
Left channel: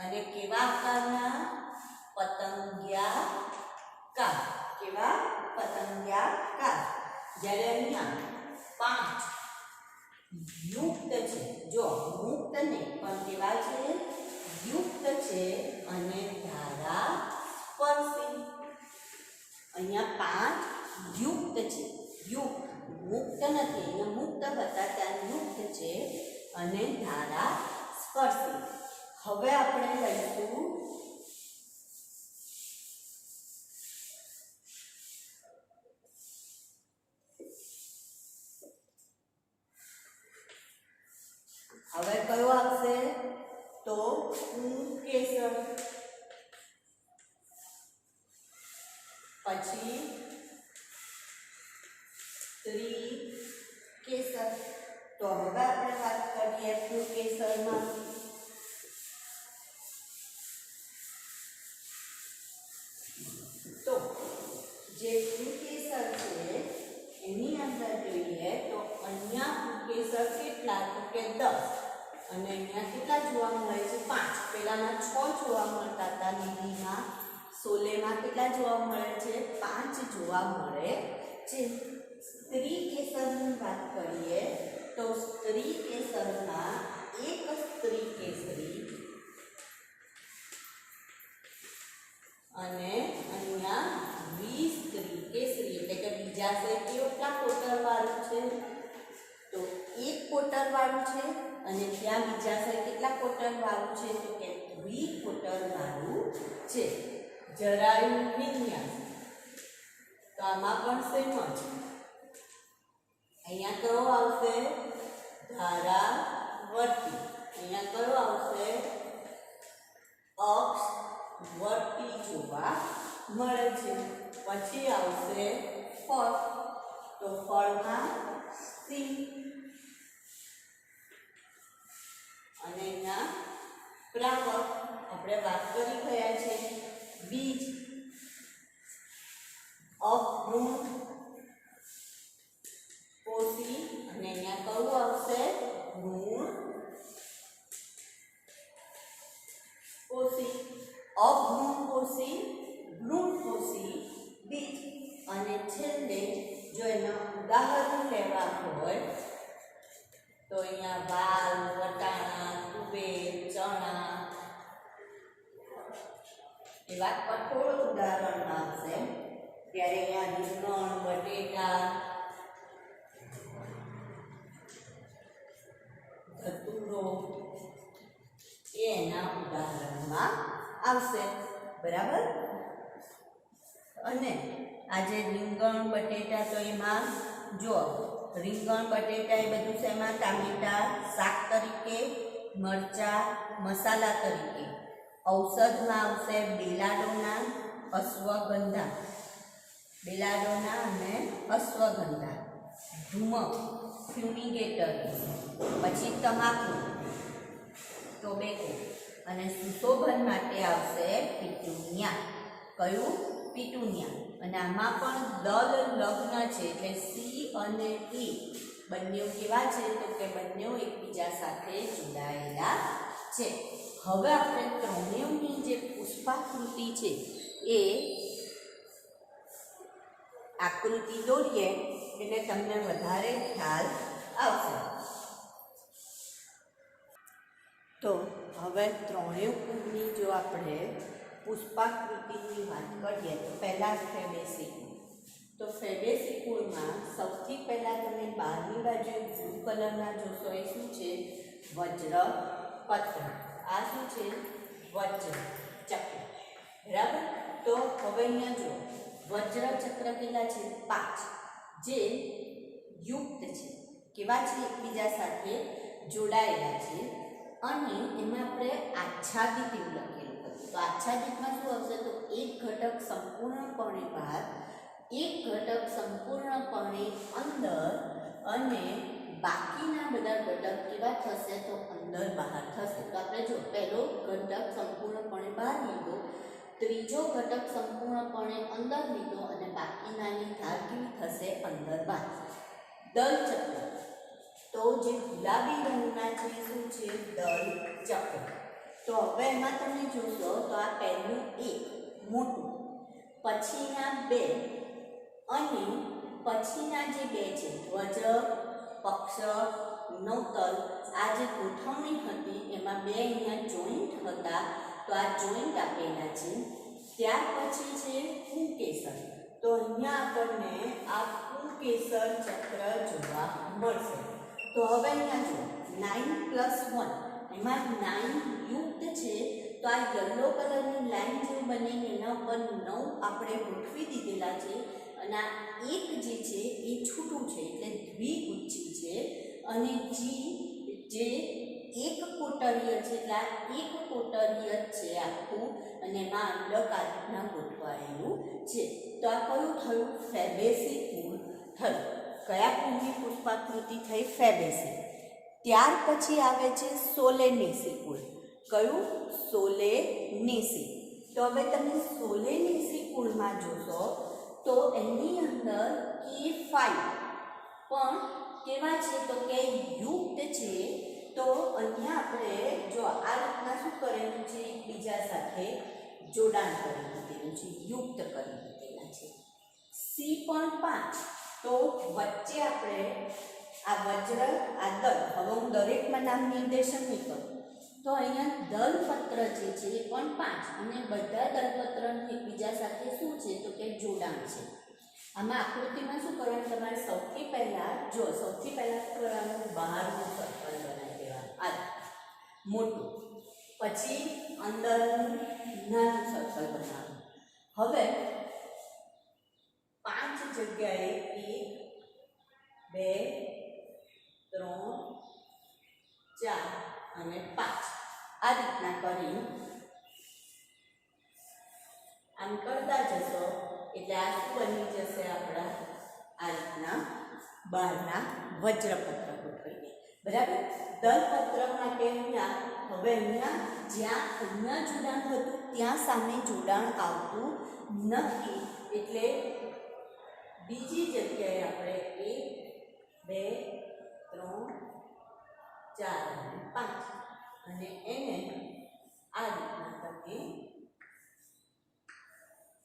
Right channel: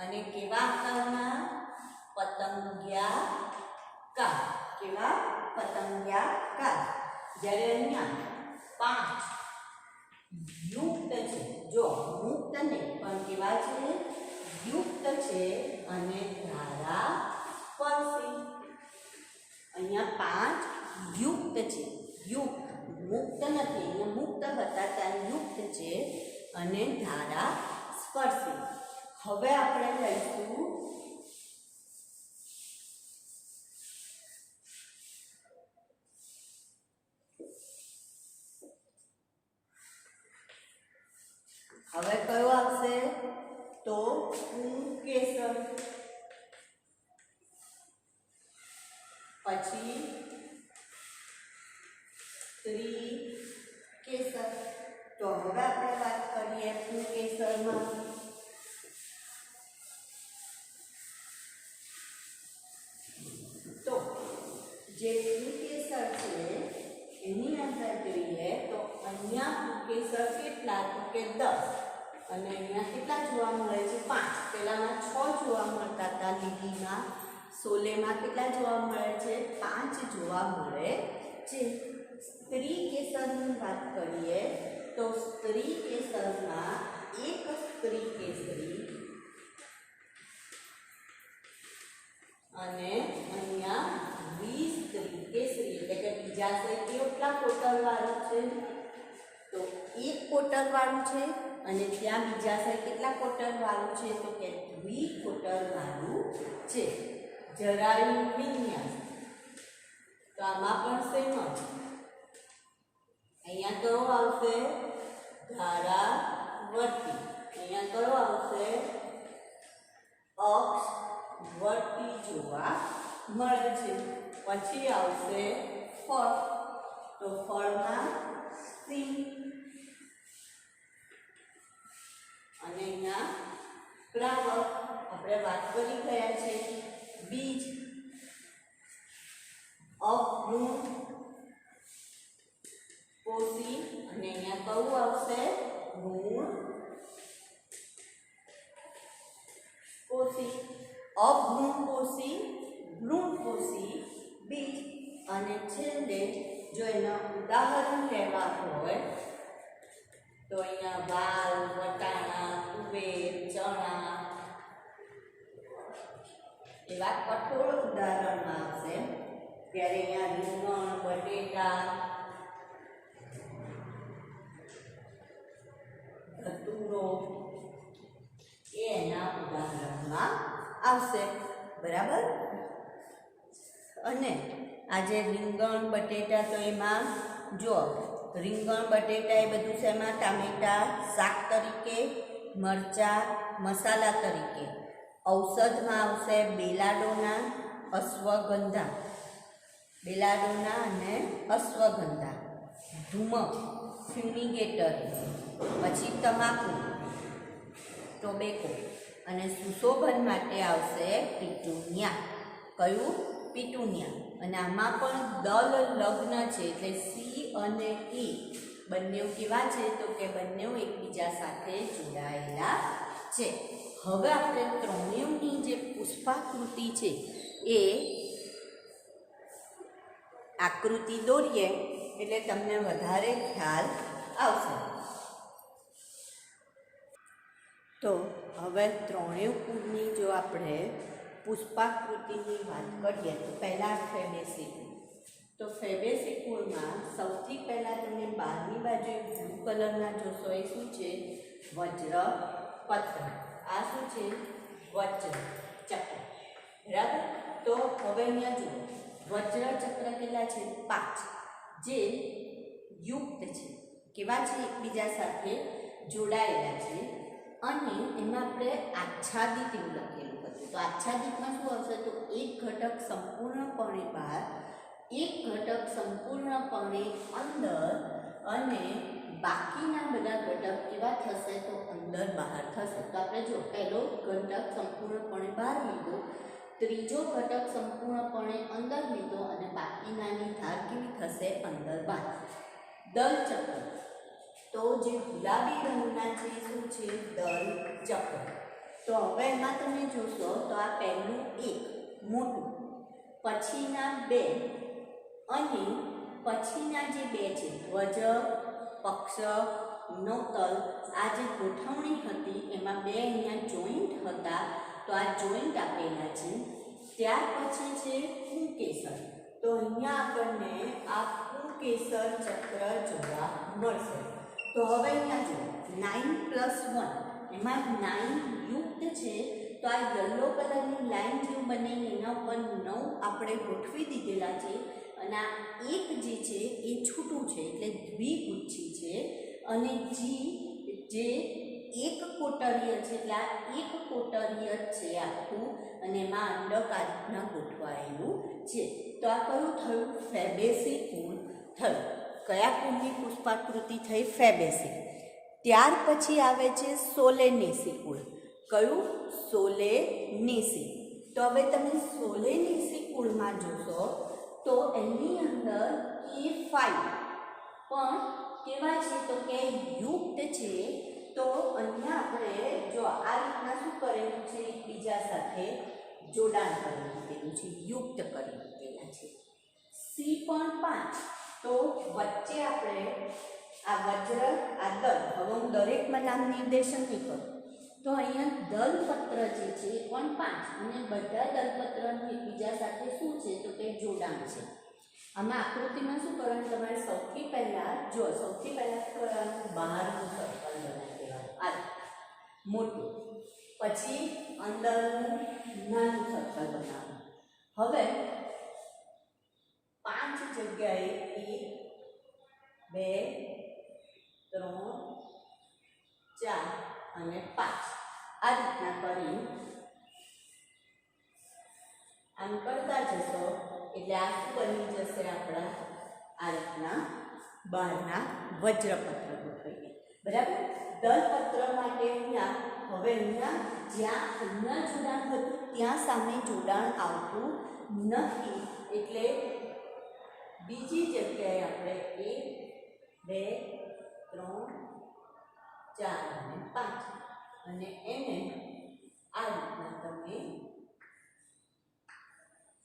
અને કેવા આકારના? પતંગિયાકાર. કેવા? પતંગિયાકાર. જ્યારે અહીંયા 5 યુક્ત છે. જો મુક્ત નહીં પણ કેવા છે? યુક્ત છે અને ધારાસ્પર્શી. અહીંયા 5 યુક્ત છે. યુક્ત, મુક્ત નથી. અહીંયા મુક્ત હતા ત્યાં યુક્ત છે અને ધારાસ્પર્શી. હવે આપણે લઈશું હવે કયો આવશે? તો પુંકેસર. પછી ત્રિકેસર. તો હવે આપણે વાત કરીએ પુંકેસરમાં. તો જે પુંકેસર છે એની અંદર જોઈએ તો અહીંયા પુંકેસર કેટલા તો કે 10 અને અહીંયા કેટલા જોવા મળે છે 5. પહેલામાં 6 જોવા મળતા હતા લીલીમાં, સોલેમાં કેટલા જોવા મળે છે 5 જોવા મળે છે. સ્ત્રીકેસરની વાત કરીએ તો સ્ત્રીકેસરમાં એક સ્ત્રીકેસરી અને અહીંયા દ્વિસ્ત્રીકેસરી એટલે કે બીજા છે કેટલા કોટરવાળું છે તો એક કોટરવાળું છે અને ત્યાં બીજા છે કેટલા કોટરવાળું છે તો કે દ્વિકોટરવાળું છે. જરાયુ વિન્યાસ તો આમાં પણ સેમ જ. અહીંયા કયો આવશે ધારાવર્તી, અહીંયા કયો આવશે અક્ષવર્તી જોવા મળે છે. પછી આવશે ફળ. તો ફળમાં સિંહ અને અહીંયા પ્રાવર આપણે વાત કરી ગયા છે. બીજ અવૃણ પોષી અને અહીંયા કયું આવશે ઋણ પોષી. અવૃણ પોષી, વૃણ પોષી, બીજ. અને છેલ્લે જો એના ઉદાહરણ લેવા હોય તો અહીંયા વાલ, વટાણા, તુવેર, ચણા એવા કઠોળ ઉદાહરણ આવશે. ત્યારે અહીંયા રીંગણ, બટેટા, ધતુરો એના ઉદાહરણમાં આવશે. બરાબર. અને આજે રીંગણ બટેટા તો એમાં જો રીંગણ બટેટા એ બધું છે એમાં ટામેટા શાક તરીકે, મરચા મસાલા તરીકે. ઔષધમાં આવશે બેલાડોના, અશ્વગંધા, બેલાડોના અને અશ્વગંધા. ધૂમક ફ્યુમિગેટર, પછી તમાકુ ટોબેકો. અને સુશોભન માટે આવશે પિટુનિયા. કયું પિટુનિયા. અને આમાં પણ દલ લગ્ન છે એટલે સી અને ઈ બંને કેવા છે તો કે બંને એકબીજા સાથે જોડાયેલા છે. હવે આપણે ત્રણેયની જે પુષ્પાકૃતિ છે એ આકૃતિ દોરીએ એટલે તમને વધારે ખ્યાલ આવશે. તો હવે ત્રણેય કુળની જો આપણે પુષ્પાકૃતિની વાત કરીએ તો પહેલાં ફેબેસી. તો ફેબેસી કુળમાં સૌથી પહેલાં તમે બહારની બાજુ બ્લુ કલરના જોશો એ શું છે વજ્ર પત્ર. આ શું છે વજ્ર ચક્ર. બરાબર. તો હવે અહીંયા જુઓ વજ્ર ચક્ર કેટલા છે 5 જે યુક્ત છે. કેવા છે એકબીજા સાથે જોડાયેલા છે. અને એમાં આપણે આચ્છાદિત એવું લખેલું હતું. તો આચ્છાદિતમાં શું આવશે તો એક ઘટક સંપૂર્ણપણે બહાર, એક ઘટક સંપૂર્ણપણે અંદર અને બાકીના બધા ઘટક કેવા થશે તો અંદર બહાર થશે. તો આપણે જો પહેલો ઘટક સંપૂર્ણપણે બહાર લીધો, ત્રીજો ઘટક સંપૂર્ણપણે અંદર લીધો અને બાકીનાની ધાર કેવી થશે અંદર બહાર. દલ ચક્ર. તો જે ગુલાબી રંગના છે શું છે દલ ચક્ર. તો હવે એમાં તમે જોશો તો આ પહેલું એક મોટું, પછીના બે અને પછીના જે બે છે ધ્વજ, પક્ષ, નૌતલ, આ જે ગોઠવણી હતી એમાં બે અહીંયા જોઈન્ટ હતા તો આ જોઈન્ટ આપેલા છે. ત્યાર પછી છે પુંકેસર. તો અહીંયા આપણને આ પુંકેસર ચક્ર જોવા મળશે. તો હવે અહીંયા જુઓ 9+1 એમાં 9 યુક્ત છે. તો આ યલો કલરની લાઈન જેવું બનીને એના ઉપર 9 આપણે ગોઠવી દીધેલા છે અને આ એક જે છે એ છૂટું છે એટલે દ્વિગુચ્છી છે. અને જી જે એક કોટરીય છે એટલે આ એક કોટરીય છે આખું અને એમાં અંડકારના ગોઠવા ગોઠવાયેલું છે. તો આ કયું થયું? ફેબેસી કુળ થયું. કયા કુળની પુષ્પાકૃતિ થઈ? ફેબેસી. ત્યાર પછી આવે છે સોલેનેસી કુળ. કયું? સોલેનેસી. તો હવે તમે સોલેનેસી કુળમાં જોશો તો એની અંદર K5 પણ કેવા છે? તો કે યુક્ત છે. તો અહીંયા આપણે જો આ રીતના શું કરેલું છે? એકબીજા સાથે જોડાણ કરી દીધેલું છે, યુક્ત કરી દીધેલા છે. સી પણ 5. તો વચ્ચે આપણે આ વજ્ર, આ દલ, હવે હું દરેકમાં નામ નિર્દેશન નહીં કરું. તો અહીંયા દલપત્ર જે છે એ પણ 5 અને બધા દલપત્રનું એકબીજા સાથે શું છે? તો કે જોડાણ છે. આમાં આકૃતિમાં શું કરવાનું? તમારે સૌથી પહેલાં સૌથી પહેલાં શું કરવાનું? બહારનું સર્કલ બનાવી દેવાનું, આ મોટું. પછી અંદરનું નાનું સર્કલ બનાવવાનું. હવે 5 જગ્યાએ 1 2 3 4 અને 5 આ રીતના કરી આમ કરતા જશો એટલે આ શું બની જશે? આપણા આ રીતના બહારના વજ્રપત્ર ગોઠવીને. બરાબર. દલપત્ર માટે અહીંયા હવે જ્યાં જોડાણ હતું ત્યાં સામે જોડાણ આવતું નથી. એટલે બીજી જગ્યાએ આપણે 1 2 3 4 અને 5 અને એને આ રીતના તમે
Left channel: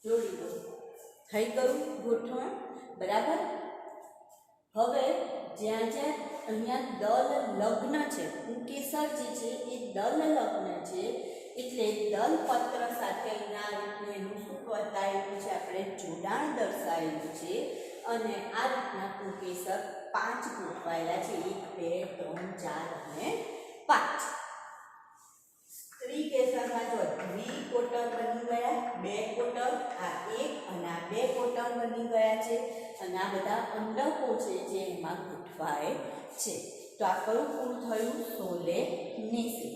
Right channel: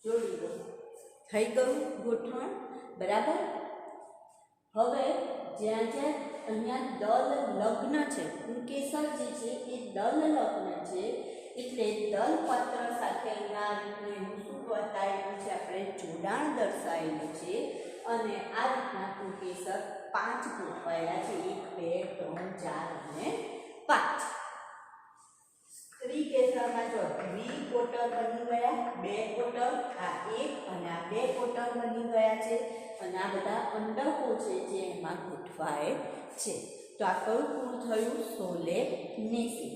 જોડી દો. થઈ ગયું ગોઠવણ. બરાબર. હવે જ્યાં અહીંયા દલ લગ્ન છે, પુંકેસર જે છે એ દલ લગ્ન છે, એટલે દલપત્ર સાથે અહીંયા રીતનું એનું શું બતાવેલું છે? આપણે જોડાણ દર્શાવેલું છે. અને આ રીતના પુંકેસર 5 ગોઠવાયેલા છે. 1 2 3 4 અને 5. સ્ત્રી કેસરમાં જો દ્વિકોટર બની ગયા, 2 કોટર, આ 1 અને આ 2 કોટર બની ગયા છે. અને આ બધા અંડકો છે જે એમાં ગોઠવાય છે. તો આ કયું કુળ થયું? સોલેનેસી.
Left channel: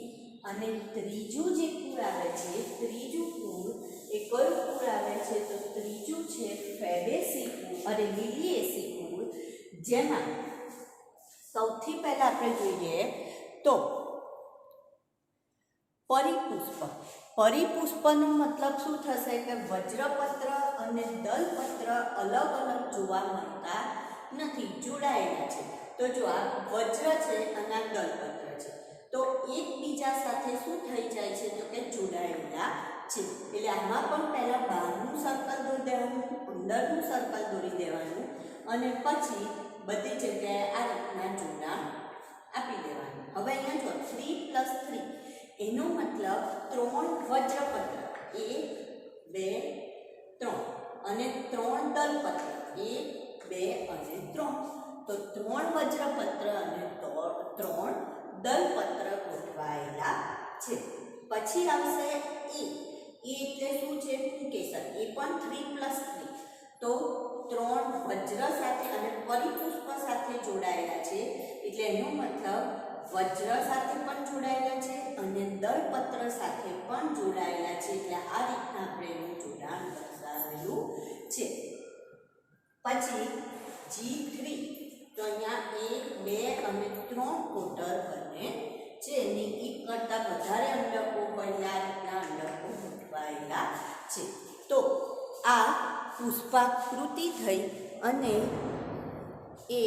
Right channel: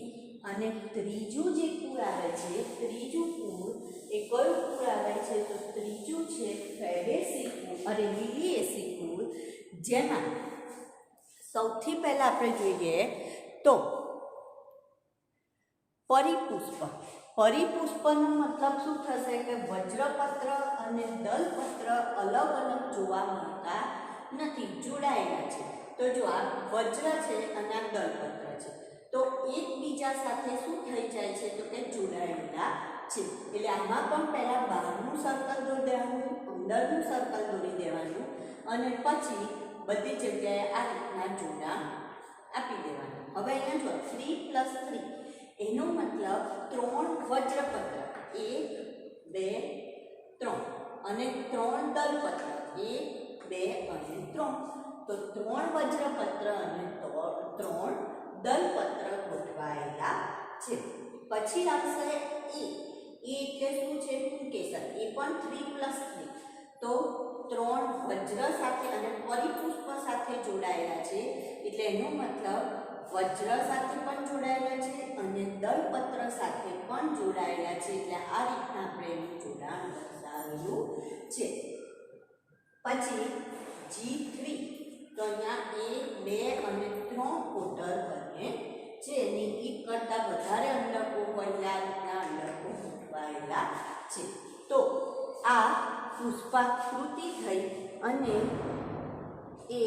અને ત્રીજું જે કુળ આવે છે, ત્રીજું કુળ એ કયું કુળ આવે છે? તો ત્રીજું છે ફેબેસી કુળ અને લિલિએસી કુળ. જેમાં સૌથી પહેલા આપણે જોઈએ તો પરિપુષ્પ. પરિપુષ્પનો મતલબ શું થશે? કે વજ્રપત્ર અને દલપત્ર અલગ અલગ જોવા મળતા નથી, જોડાયેલા છે. તો જો આ વજ્ર છે અને આ દલપત્ર છે, તો એકબીજા સાથે શું થઈ જાય છે? તો કે જોડાયેલા છે. એટલે આમાં પણ પહેલાં બહારનું સર્કલ દોરી દેવાનું, અંદરનું સર્કલ દોરી દેવાનું અને પછી બધી જગ્યાએ આ રીતના જોડાણ આપી દેવાનું. હવે અહીંયા જો 3 + 3 એનો મતલબ 3 વજ્રપત્ર, 1 2 3 અને 3 દલપત્ર, 1 2 અને 3. તો 3 વજ્રપત્ર અને 3 દલપત્ર ગોઠવાયેલા છે. પછી આવશે એ એટલે શું છે? પુંકેસર. એ પણ 3 + 3. તો 3 વજ્ર સાથે અને પરિપુષ્પ સાથે જોડાયેલા છે. એટલે એનો મતલબ વજ્ર સાથે પણ જોડાયેલા છે અને દલપત્ર સાથે પણ જોડાયેલા છે. એટલે આ રીતના આપણે એનું જોડાણ દર્શાવેલું છે. પછી G3. તો અહીંયા 1 2 અને 3 કોટર બને છે. અને 1 કરતાં વધારે અંડકો હોય એટલે આ રીતના અંડકો ગોઠવાયેલા છે. તો આ પુષ્પાકૃતિ થઈ અને એ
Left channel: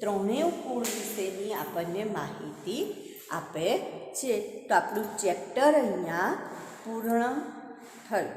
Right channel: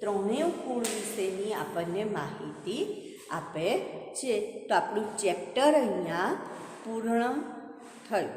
ત્રણેય કુળ વિશેની આપણને માહિતી આપે છે. તો આપણું ચેપ્ટર અહીંયા પૂર્ણ થયું.